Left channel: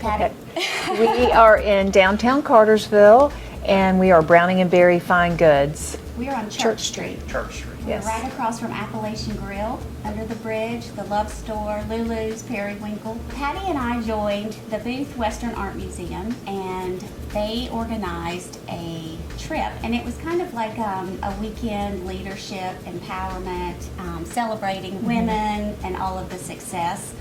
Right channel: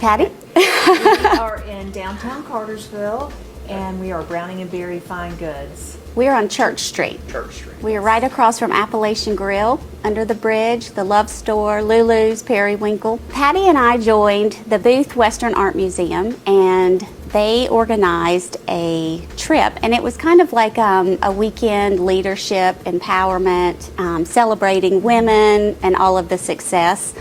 Patty? We are in downtown Cartersville, and we are Browning and Berry Fine Goods. We're on Church Street. Church Street. We're right across from Appalachian Grill, under the bridge, the Love Store, Lulu's, Periwinkle. Patty and I joined the Booth Western Art Museum, and they organized a trip, and it was kind of like a weekend leadership, empowerment, celebrating women and all of the success.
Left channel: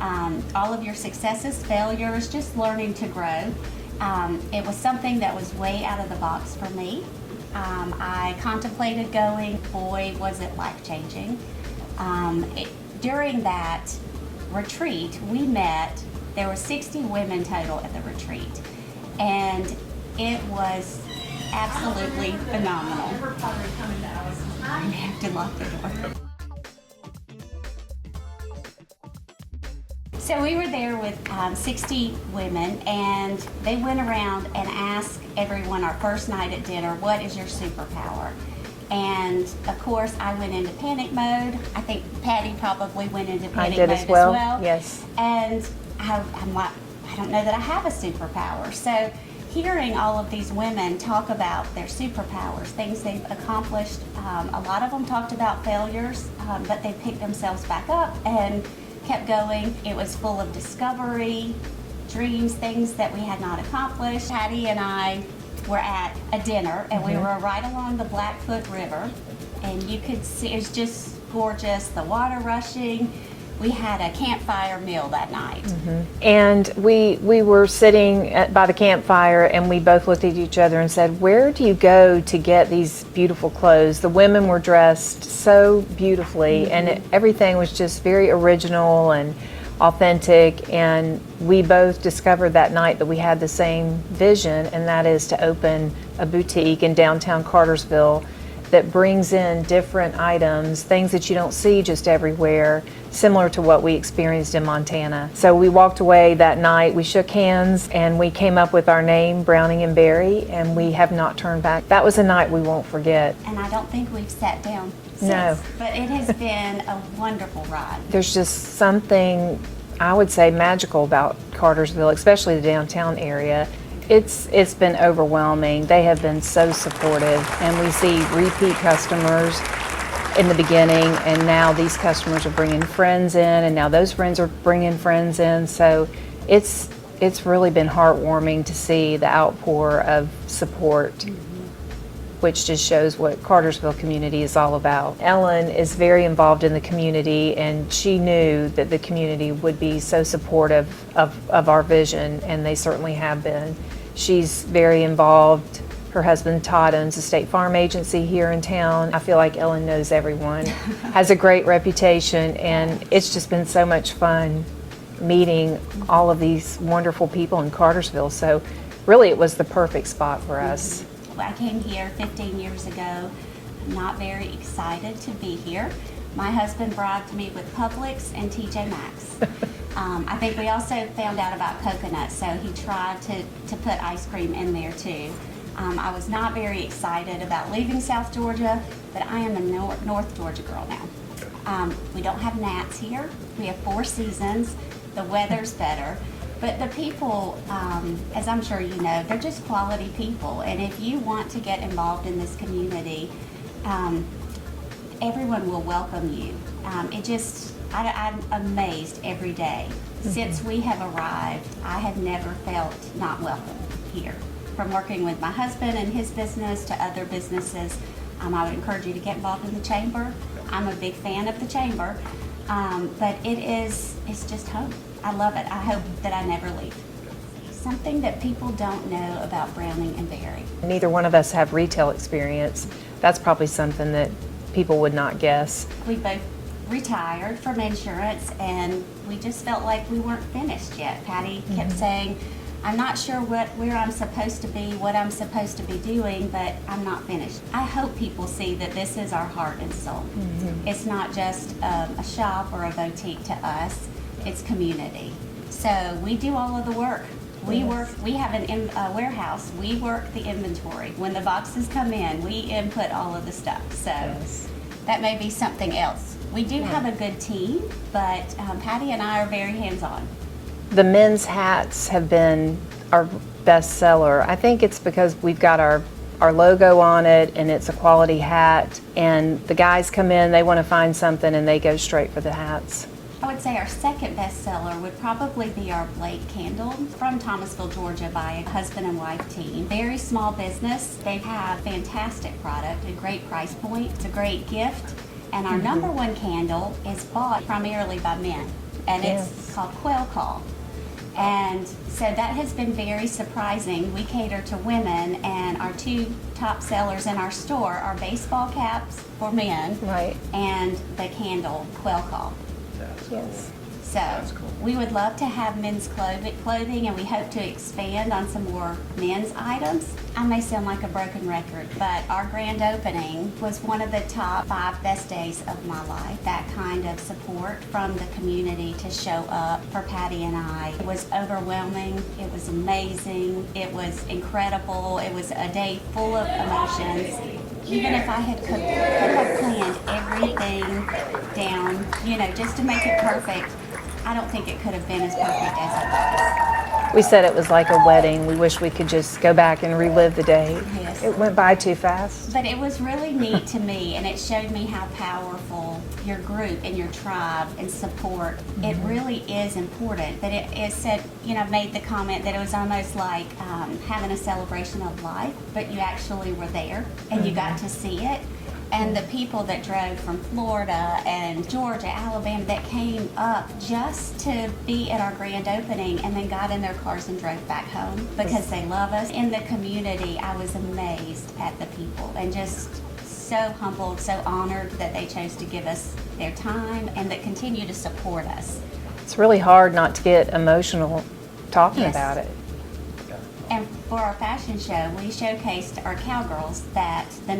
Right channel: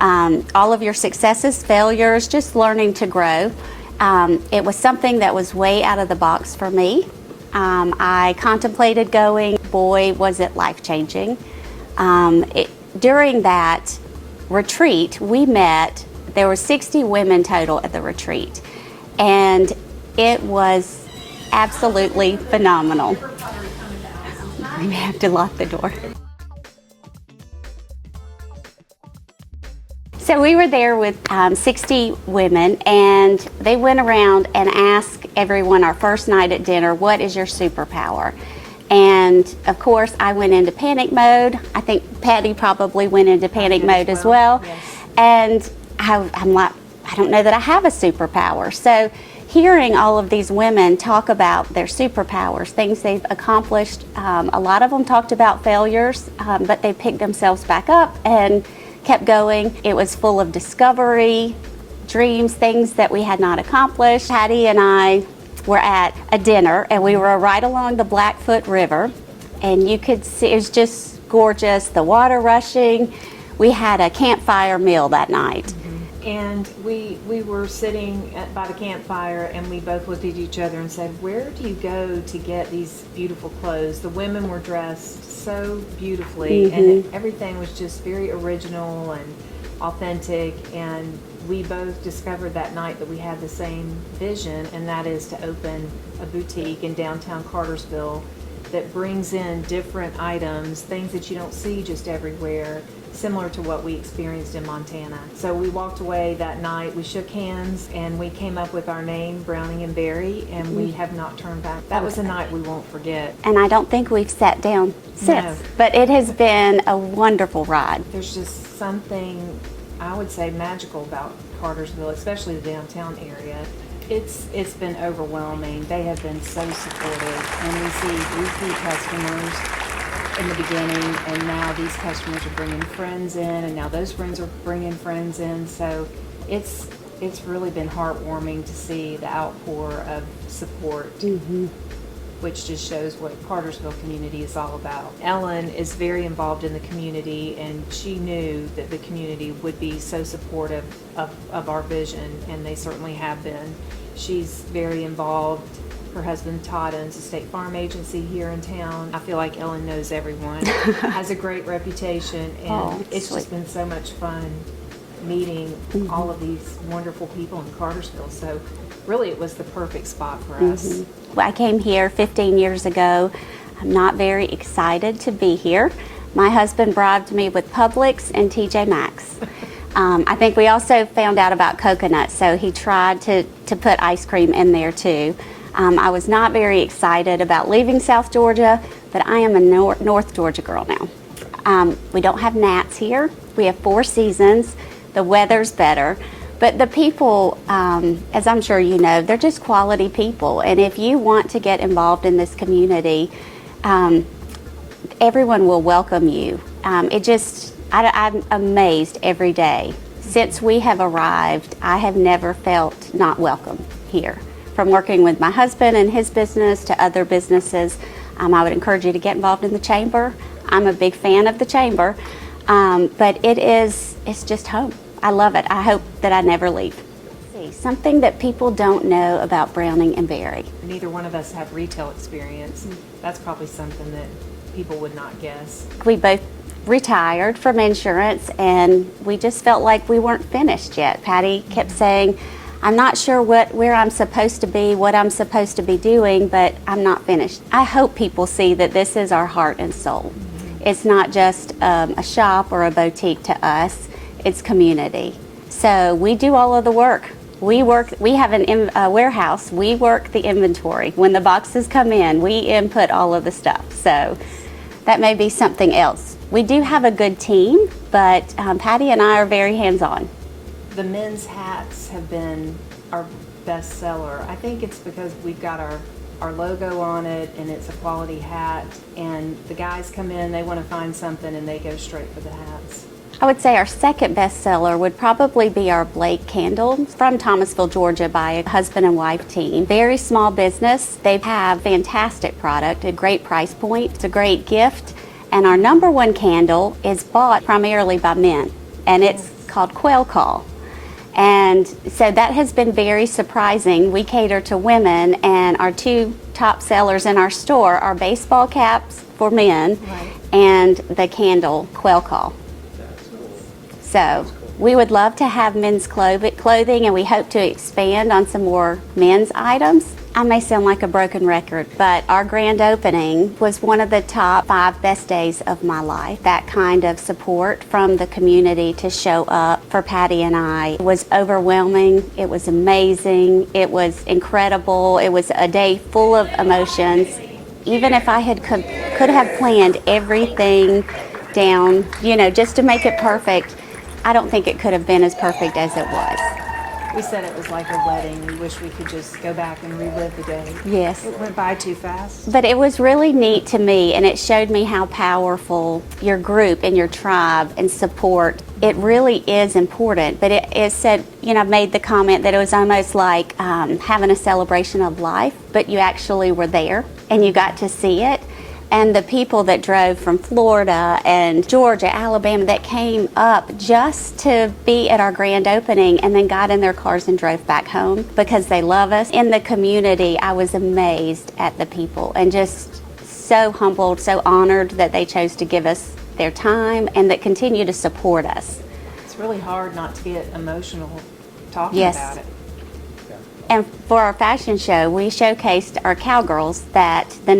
All of your successes, failures, just learning to grow. It was something that was way out of the box for me. I contemplated going. Boy, was it life-changing. During that retreat, we met, there were 60 women total at the retreat, and it was absolutely phenomenal. We have to lock the door. So we were there with 60 women, and they went around and asked everyone our first night at dinner, what is your superpower? And of course, I went into panic mode. I think Patty probably went into panic mode as well. Yes. And I'm like, I don't know that I have a superpower. So hearing all of these women talk about their superpowers, things they've accomplished, a lot of them talked about failures, but they picked themselves back up and kept going. It was full of discovery, dreams, things that we had not accomplished. Patty and I were at a dinner, and we were right along the Blackfoot River, and you could see it was just gorgeous, the water rushing. We had a campfire meal that night. And we were sitting by the campfire, and we both looked at each other and said, where do you go to get these beautiful clothes? The women were dressed so beautifully, and everything was just very original and authentic, and we both discovered that night that we had the same vision, and that is to open a boutique in downtown Cartersville that brings in different items, things that you don't see just everywhere, similar to what we experienced in Montana. So we walked away that night, we shook hands, and we came up with our name, Browning and Berry, and we have not turned back. That was a night we won't forget. And I don't think we've sat down since, No. but it has been a wonderful ride. There's just something, I would say, magical about Cartersville, especially the downtown area. It's been overwhelming. They have been so supportive, and we see repeat customers in the beginning, and now these customers are bringing friends in, and now those friends are bringing friends in. So it's really been heartwarming to see the outpour of support, which just shows what Cartersville community is all about. Ellen is very involved in the community, and she knew that the community would be so supportive of our vision, and they certainly have been. She's very involved. Her husband Todd owns a state farm agency here in town. I feel like Ellen knows everyone, has a great reputation, and it's just been so much fun meeting all of these wonderful people in Cartersville. So really it was the perfect spot for us. I came here 15 years ago. I'm not very excited to be here. My husband bribed me with Publix and TJ Maxx. I think we also found out about coconuts, so he tried to put ice cream in there too. I was not very excited about leaving South Georgia, but I am a North Georgia girl now. We don't have gnats here. We have 4 seasons. The weather's better. But the people, as I'm sure you know, they're just quality people. And if you want to get involved in this community, everyone will welcome you. I'm amazed every day. Since we have arrived, I have never felt not welcome here. From working with my husband and his business to other businesses, I would encourage you to get involved in the chamber. I'm a big fan of the chamber, but it's just home. I love it. I hope that I never leave. Something that people don't know about Browning and Berry. Neither one of us have retail experience. That's probably something that people would not guess. We both retired from insurance, and we just felt like we weren't finished yet. Patty kept saying, I'm not sure where I'm supposed to be, what I'm supposed to be doing, but I'm not finished. I hope people see that this is our heart and soul. It's not just a shop or a boutique to us, it's community. So we do all of the work. We have a warehouse, we work the inventory. When the boxes come in, we input all of the stuff. So that may be something else. We do have a good team, but Patty and I are very hands-on. The men's hats have been our best seller. I think it's because we've got our logo on it and it's a quality hat, and the guys come in, they want to find something and they go straight for the hats. I would say our second bestseller would probably be our Blake candles from Thomasville, Georgia, by a husband and wife team. Very small business. They have fantastic product, a great price point. It's a great gift. And our number one candle is bought primarily by men, and it's called Quail Call. And so that has been very surprising. We cater to women, and our two top sellers in our store are baseball caps for men and the candle Quail Call. So we would love to have men's clothing, and we hope to expand on some more men's items. I may sound like a broken record, but our grand opening was one of the top 5 best days of my life. That kind of support from the community to show up for Patti and I was overwhelming. It was amazing. It was incredible. It was a day full of emotions. Even if I could have planned everything down, just to make it perfect, I don't think it could have been as perfect as it was. We said it was like a wedding. We wish we could just go back and relive the day. Yes. It went by too fast. But it was really neat to me, and it showed me how powerful your group and your tribe and support, it really is important. But it said, I made the comment that it was almost like having a celebration of life, but you actually were there and you got to see it. And the people that drove from Florida and Georgia, Alabama, that came up just to be at our grand opening and then got in their cars and drove back home because they love us. In the community, I was amazed at the people and just so humbled, so honored that they chose to give us their time and that continue to support us. It's really hard not to get emotional talking about it. And for our fashion show, we showcased our cowgirls that the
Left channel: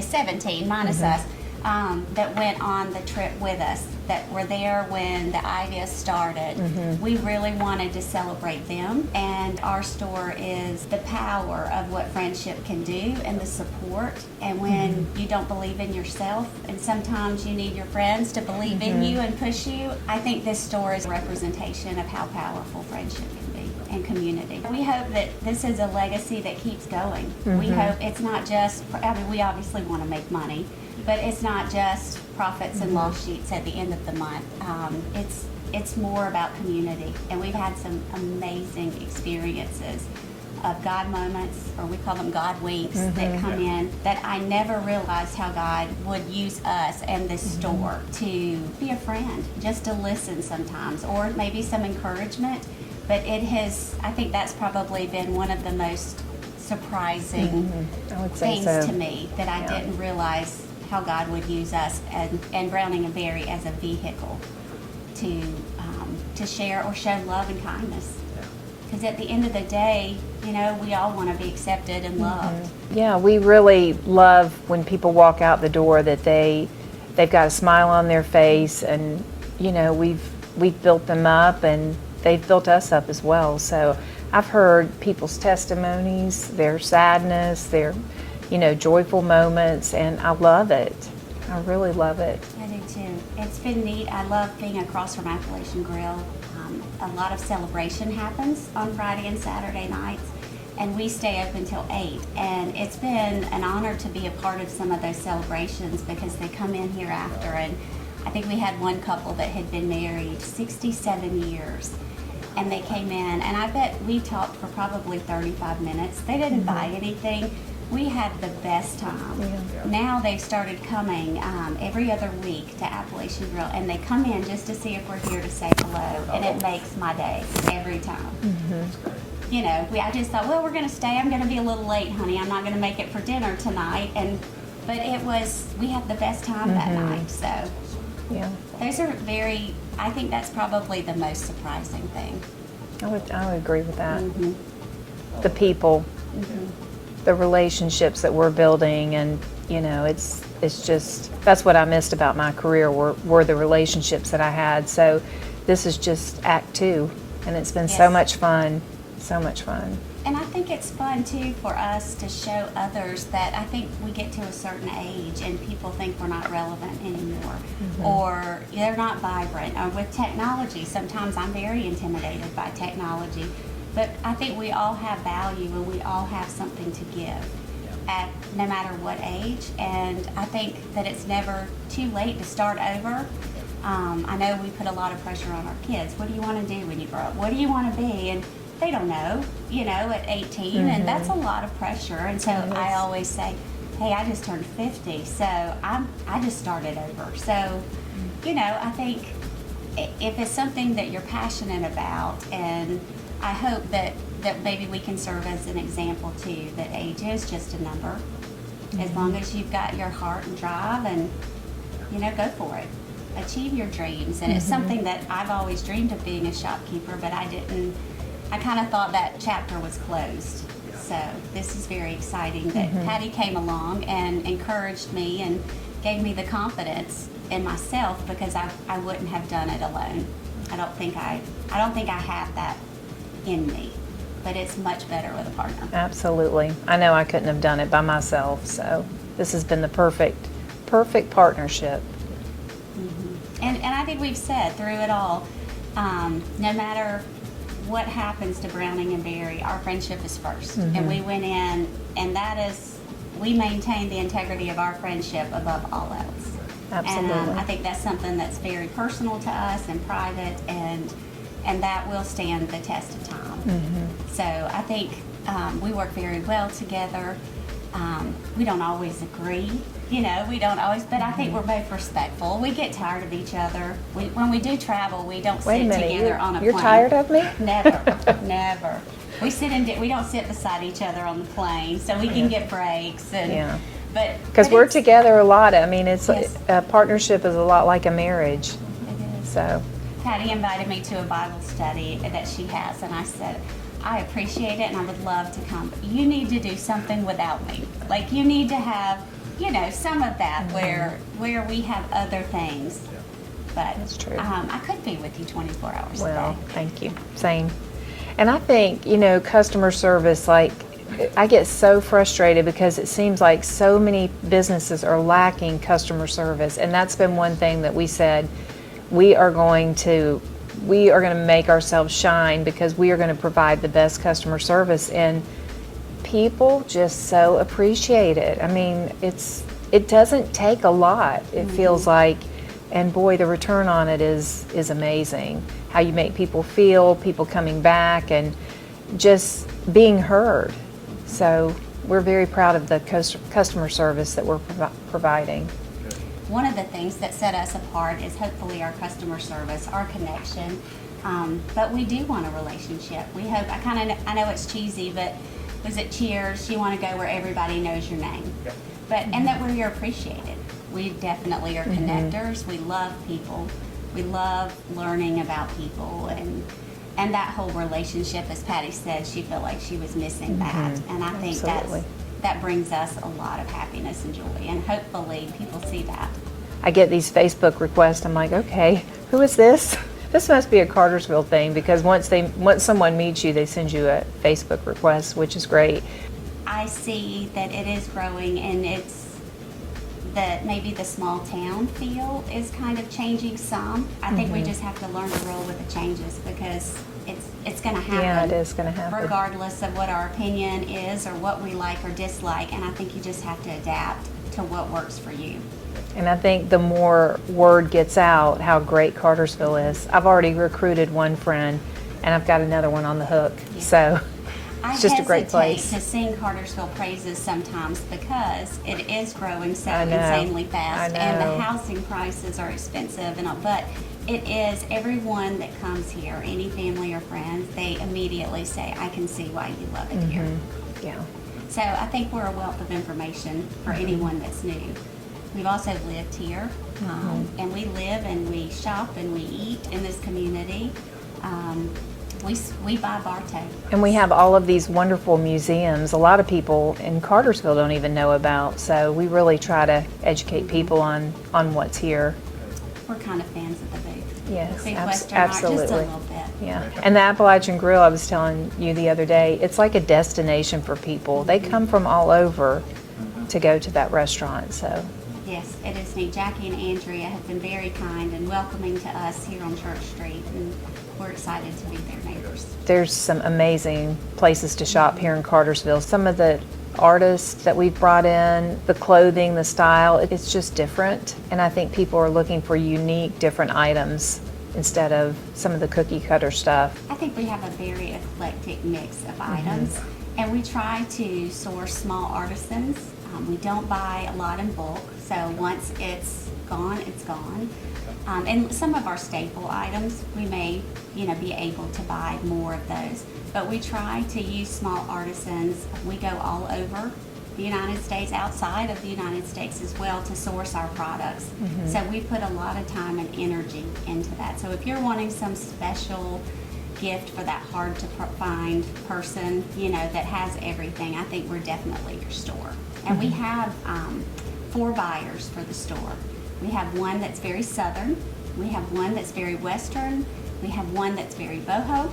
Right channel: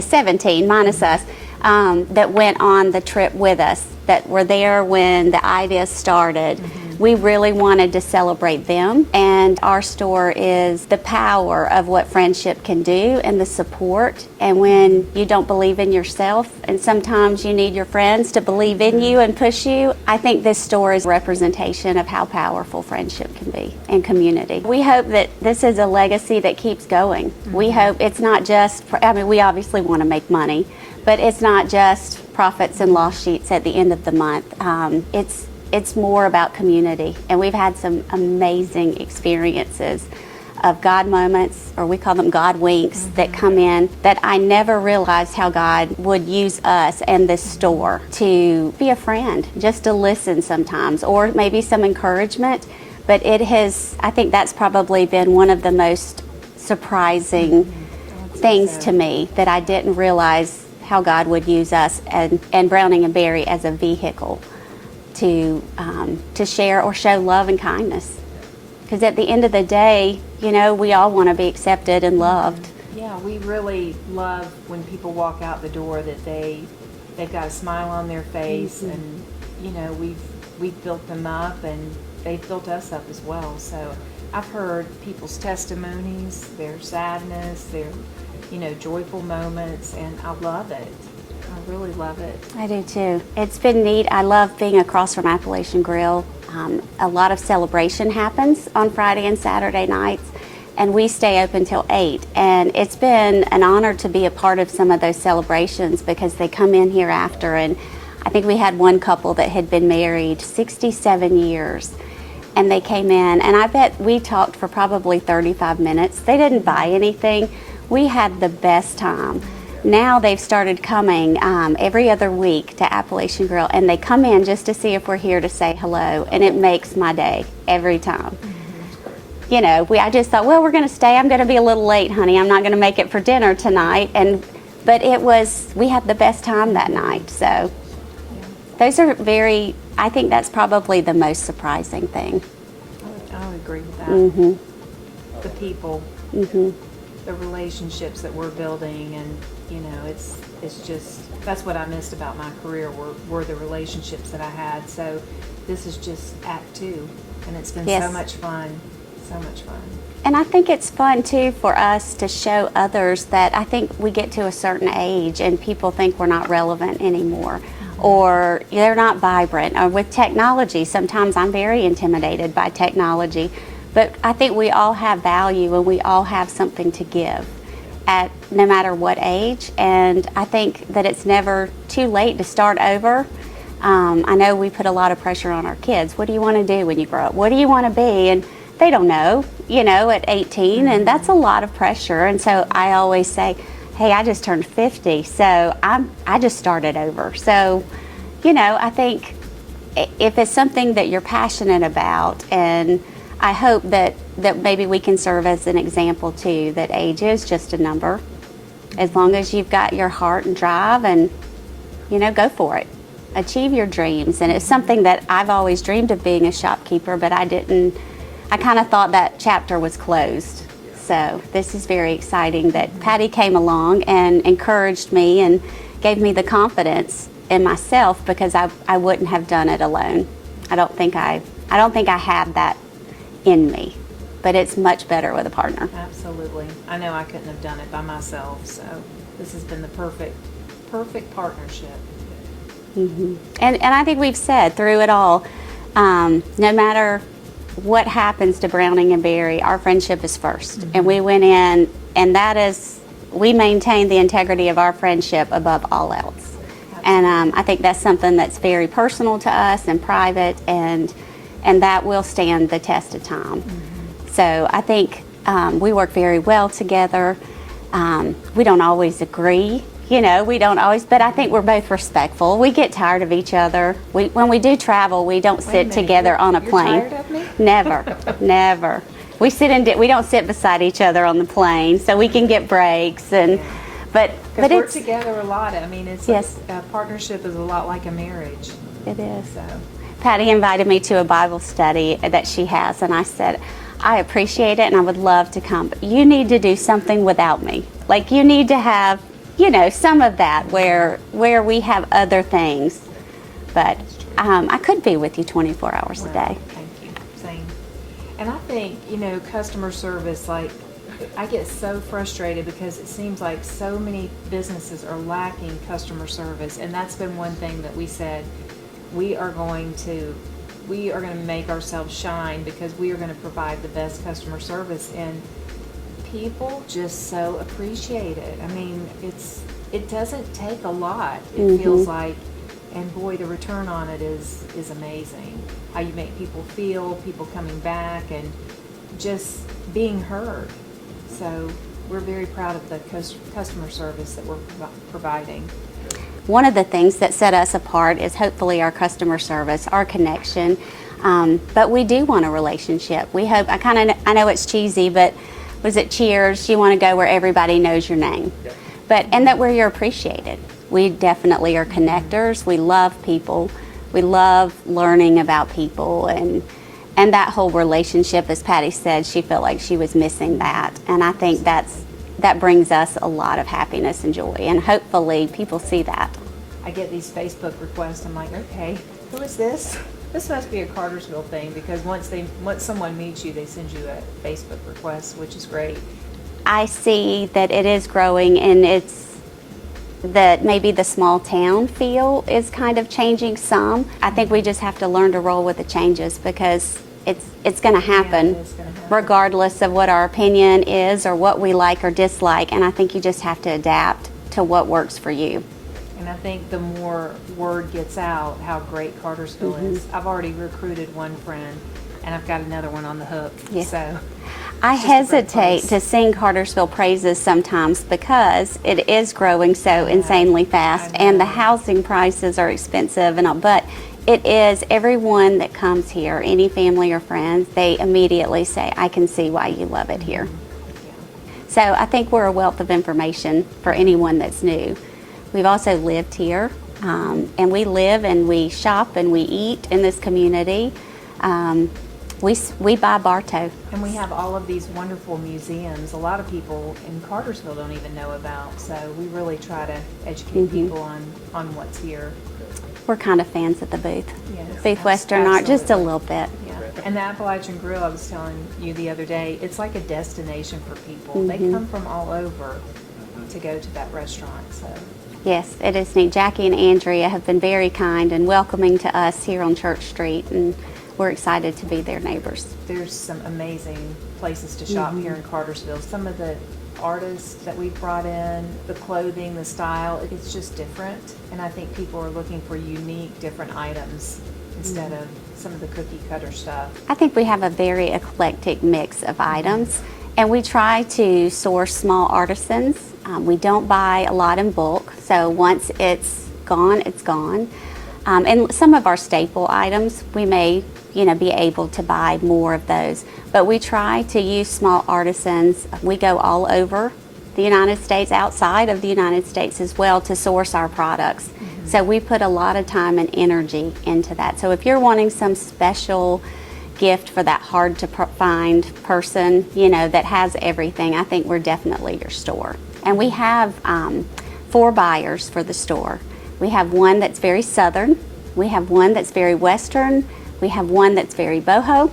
17 minus us, that went on the trip with us, that were there when the idea started. We really wanted to celebrate them, and our store is the power of what friendship can do and the support. And when you don't believe in yourself, and sometimes you need your friends to believe in you and push you, I think this store is a representation of how powerful friendship can be and community. We hope that this is a legacy that keeps going. We hope it's not just, we obviously want to make money, but it's not just profits and loss sheets at the end of the month. It's more about community, and we've had some amazing experiences of God moments, or we call them God winks, that come in that I never realized how God would use us and this store to be a friend, just to listen sometimes, or maybe some encouragement. But I think that's probably been one of the most surprising things to me, that I didn't realize how God would use us and Browning and Berry as a vehicle to share or show love and kindness. Because at the end of the day, we all want to be accepted and loved. Yeah, we really love when people walk out the door that they've got a smile on their face, and we've built them up and they've built us up as well. So I've heard people's testimonies, their sadness, their joyful moments, and I love it. I really love it. I do too. It's been neat. I love being across from Appalachian Grill. A lot of celebration happens on Friday and Saturday nights, and we stay open till 8. And it's been an honor to be a part of some of those celebrations because they come in here after. And I think we had one couple that had been married 67 years. And they came in, and I bet we talked for probably 35 minutes. They didn't buy anything. We had the best time. Now they've started coming every other week to Appalachian Grill, and they come in just to see if we're here to say hello, and it makes my day every time. I just thought, well, we're going to stay. I'm going to be a little late, honey. I'm not going to make it for dinner tonight. But we had the best time that night. So those are I think that's probably the most surprising thing. I would agree with that. The people. The relationships that we're building, and it's just, that's what I missed about my career were the relationships that I had. So this is just act 2, and it's been so much fun So much fun. And I think it's fun too for us to show others that I think we get to a certain age and people think we're not relevant anymore, or they're not vibrant. Or with technology, sometimes I'm very intimidated by technology, but I think we all have value and we all have something to give at no matter what age. And I think that it's never too late to start over. I know we put a lot of pressure on our kids. What do you want to do when you grow up? What do you want to be? And they don't know, at 18, and that's a lot of pressure. And so I always say, hey, I just turned 50, so I just started over. So, I think if it's something that you're passionate about, and I hope that maybe we can serve as an example too, that age is just a number. As long as you've got your heart and drive and, go for it. Achieve your dreams. And it's something that I've always dreamed of, being a shopkeeper, but I kind of thought that chapter was closed. So this is very exciting that Patti came along and encouraged me and gave me the confidence in myself, because I wouldn't have done it alone. I don't think I have that in me, but it's much better with a partner. Absolutely. I know I couldn't have done it by myself, so this has been the perfect partnership. And I think we've said through it all, no matter what happens to Browning and Barry, our friendship is first. And we went in, and we maintain the integrity of our friendship above all else. Absolutely. And I think that's something that's very personal to us and private, and that will stand the test of time. So I think we work very well together. We don't always agree. We don't always, but I think we're both respectful. We get tired of each other. When we do travel, we don't sit together on a plane. You're tired of me? Never, never. We don't sit beside each other on the plane, so we can get breaks. And but because we're together a lot. I mean, it's Yes. a partnership is a lot like a marriage. It is. So Patti invited me to a Bible study that she has, and I said, I appreciate it and I would love to come, but you need to do something without me. Like, you need to have, some of that where we have other things. But That's true. I could be with you 24 hours a well, day. thank you. Same. And I think, customer service, like, I get so frustrated because it seems like so many businesses are lacking customer service, and that's been one thing that we said we are going to make ourselves shine, because we are going to provide the best customer service, and people just so appreciate it. I mean, it doesn't take a lot. It feels like, and boy, the return on it is amazing. How you make people feel, people coming back, and just being heard. So we're very proud of the customer service that we're providing. One of the things that set us apart is hopefully our customer service, our connection. But we do want a relationship. We hope, I know it's cheesy, but was it Cheers? You want to go where everybody knows your name. Yep. And that where you're appreciated. We definitely are connectors. We love people. We love learning about people, and that whole relationship, as Patti said, she felt like she was missing that. And I think that brings us a lot of happiness and joy, and hopefully people see that. I get these Facebook requests. I'm like, okay, who is this? This must be a Cartersville thing, because once someone meets you, they send you a Facebook request, which is great. I see that it is growing, and it's that maybe the small town feel is kind of changing some. I think we just have to learn to roll with the changes, because it's going to happen. Yeah, it is going to happen. Regardless of what our opinion is or what we like or dislike. And I think you just have to adapt to what works for you. And I think the more word gets out how great Cartersville is, I've already recruited one friend, and I've got another one on the hook. Yeah. So I it's just a great hesitate place. to sing Cartersville praises sometimes, because it is growing so insanely fast, and the housing prices are expensive and all, but it is, everyone that comes here, any family or friends, they immediately say, I can see why you love it here. Yeah. So I think we're a wealth of information for anyone that's new. We've also lived here, and we live and we shop and we eat in this community. We buy Bartow. And we have all of these wonderful museums a lot of people in Cartersville don't even know about, so we really try to educate people on what's here. we're kind of fans of the booth. Yes, Booth Western Art, just a absolutely. little bit. Yeah, and the Appalachian Grill, I was telling you the other day, it's like a destination for people. They come from all over to go to that restaurant, so. Yes, it is neat. Jackie and Andrea have been very kind and welcoming to us here on Church Street, and we're excited to be their neighbors. There's some amazing places to shop here in Cartersville. Some of the artists that we've brought in, the clothing, the style, it's just different. And I think people are looking for unique, different items instead of some of the cookie cutter stuff. I think we have a very eclectic mix of items, and we try to source small artisans. We don't buy a lot in bulk, so once it's gone, it's gone. And some of our staple items, we may, be able to buy more of those. But we try to use small artisans. We go all over the United States, outside of the United States as well, to source our products. So we put a lot of time and energy into that. So if you're wanting some special gift for that hard to find person, that has everything, I think we're definitely your store. And we have 4 buyers for the store. We have one that's very Southern, we have one that's very Western, we have one that's very boho,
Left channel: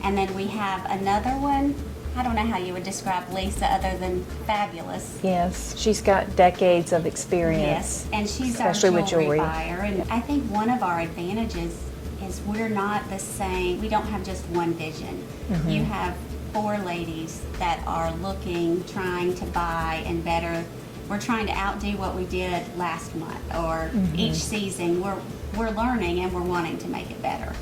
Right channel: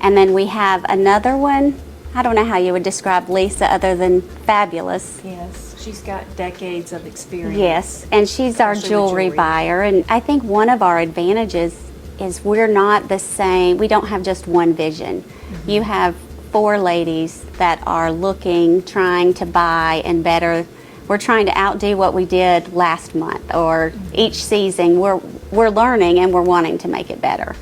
and then we have another one. I don't know how you would describe Lisa other than fabulous. Yes, she's got decades of experience. Yes, and she's our Especially with jewelry jewelry. buyer. And I think one of our advantages is we're not the same. We don't have just one vision. You have 4 ladies that are looking, trying to buy and better. We're trying to outdo what we did last month or each season. We're learning and we're wanting to make it better.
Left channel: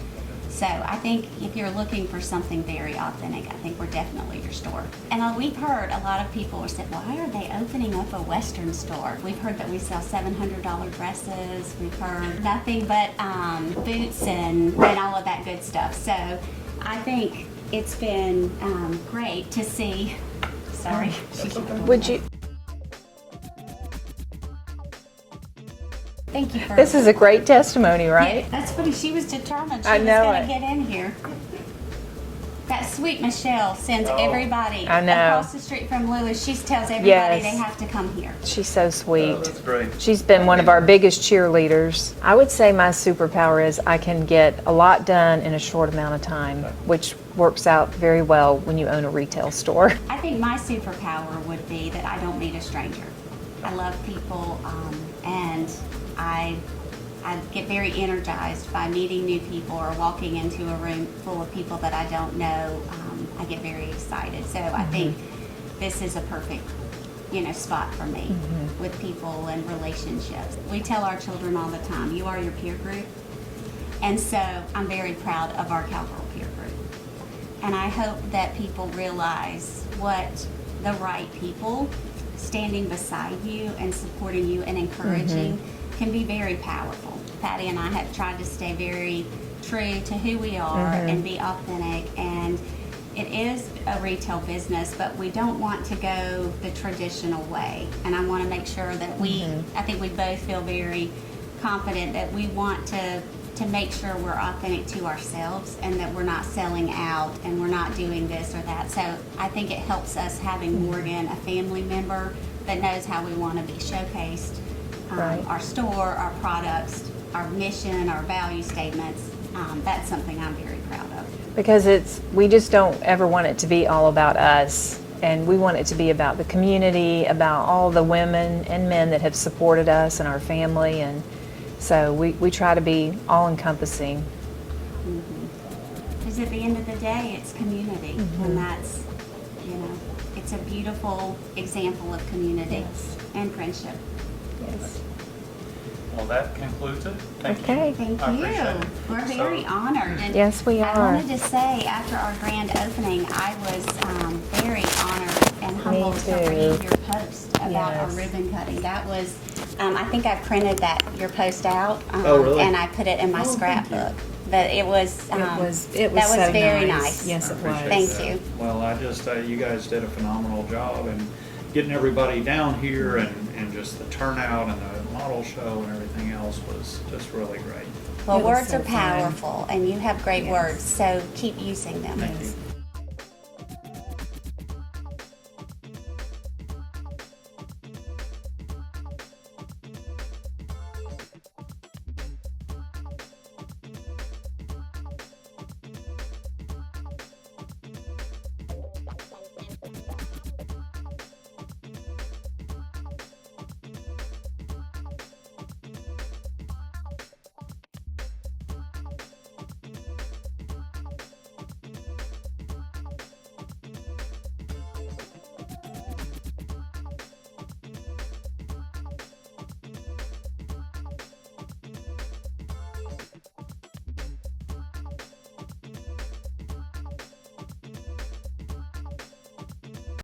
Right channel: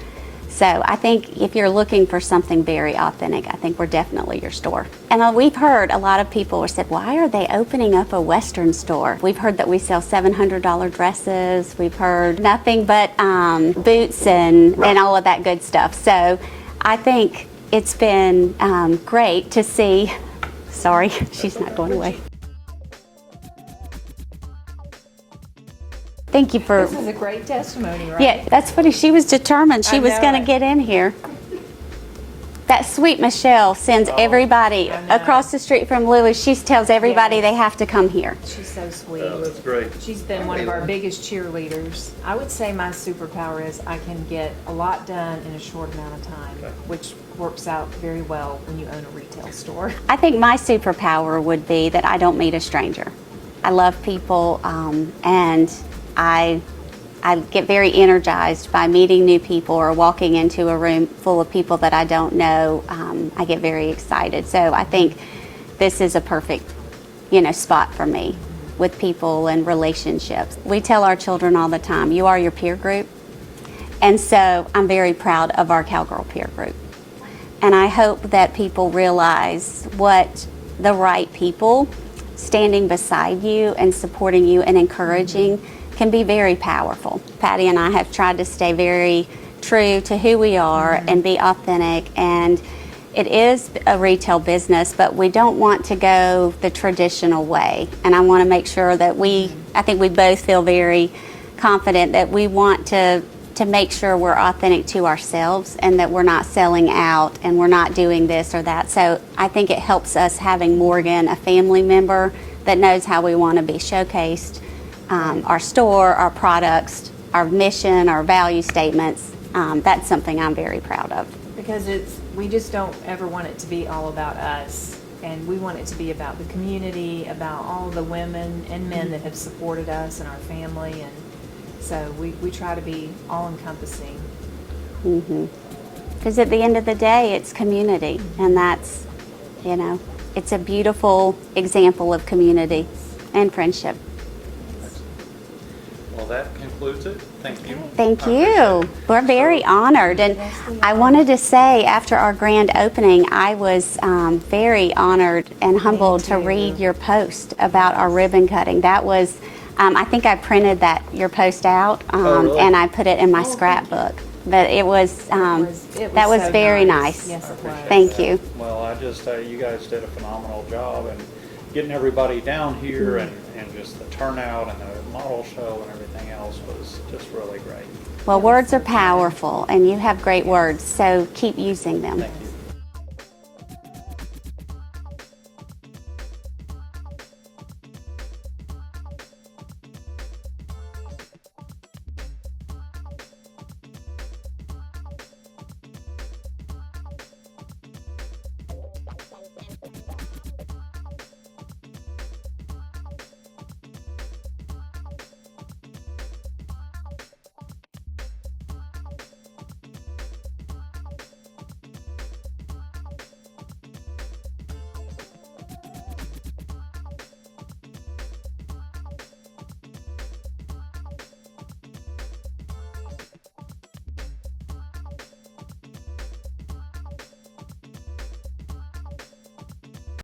So I think if you're looking for something very authentic, I think we're definitely your store. And we've heard a lot of people have said, why are they opening up a Western store? We've heard that we sell $700 dresses. We've heard nothing but boots and all of that good stuff. So I think it's been great to see. Sorry, she's not going away. Thank you for. This is a great testimony, right? Yeah, that's funny. She was determined. She I was know going to it. get in here. That sweet Michelle sends everybody I know. across the street from Lulu. She tells everybody Yes. they have to come here. She's so sweet. Oh, that's great. She's been one of our biggest cheerleaders. I would say my superpower is I can get a lot done in a short amount of time, which works out very well when you own a retail store. I think my superpower would be that I don't meet a stranger. I love people, and I get very energized by meeting new people or walking into a room full of people that I don't know. I get very excited. So I think this is a perfect, spot for me with people and relationships. We tell our children all the time, you are your peer group. And so I'm very proud of our Cowgirl peer group. And I hope that people realize what the right people standing beside you and supporting you and encouraging can be very powerful. Patty and I have tried to stay very true to who we are and be authentic, and it is a retail business, but we don't want to go the traditional way. And I want to make sure that I think we both feel very confident that we want to make sure we're authentic to ourselves and that we're not selling out and we're not doing this or that. So I think it helps us having Morgan, a family member that knows how we want to be showcased. Our store, our products, our mission, our value statements, that's something I'm very proud of. Because we just don't ever want it to be all about us. And we want it to be about the community, about all the women and men that have supported us and our family. And so we try to be all-encompassing. Because at the end of the day, it's community. And that's, it's a beautiful example of community and friendship. Well, that concludes it. Thank you. Okay. Thank I appreciate you. it. We're very honored. And Yes, we I are. wanted to say, after our grand opening, I was very honored and humbled to too. read your post about our Yes. ribbon cutting. That was, I think I printed your post out really? and I put it in my scrapbook. But it was that was so very nice. Yes, it was. Thank you. Well, I just, you guys did a phenomenal job and getting everybody down here and just the turnout and the model show and everything else was just really great. Well, words are powerful, and you have great words, so keep using them. Thank you.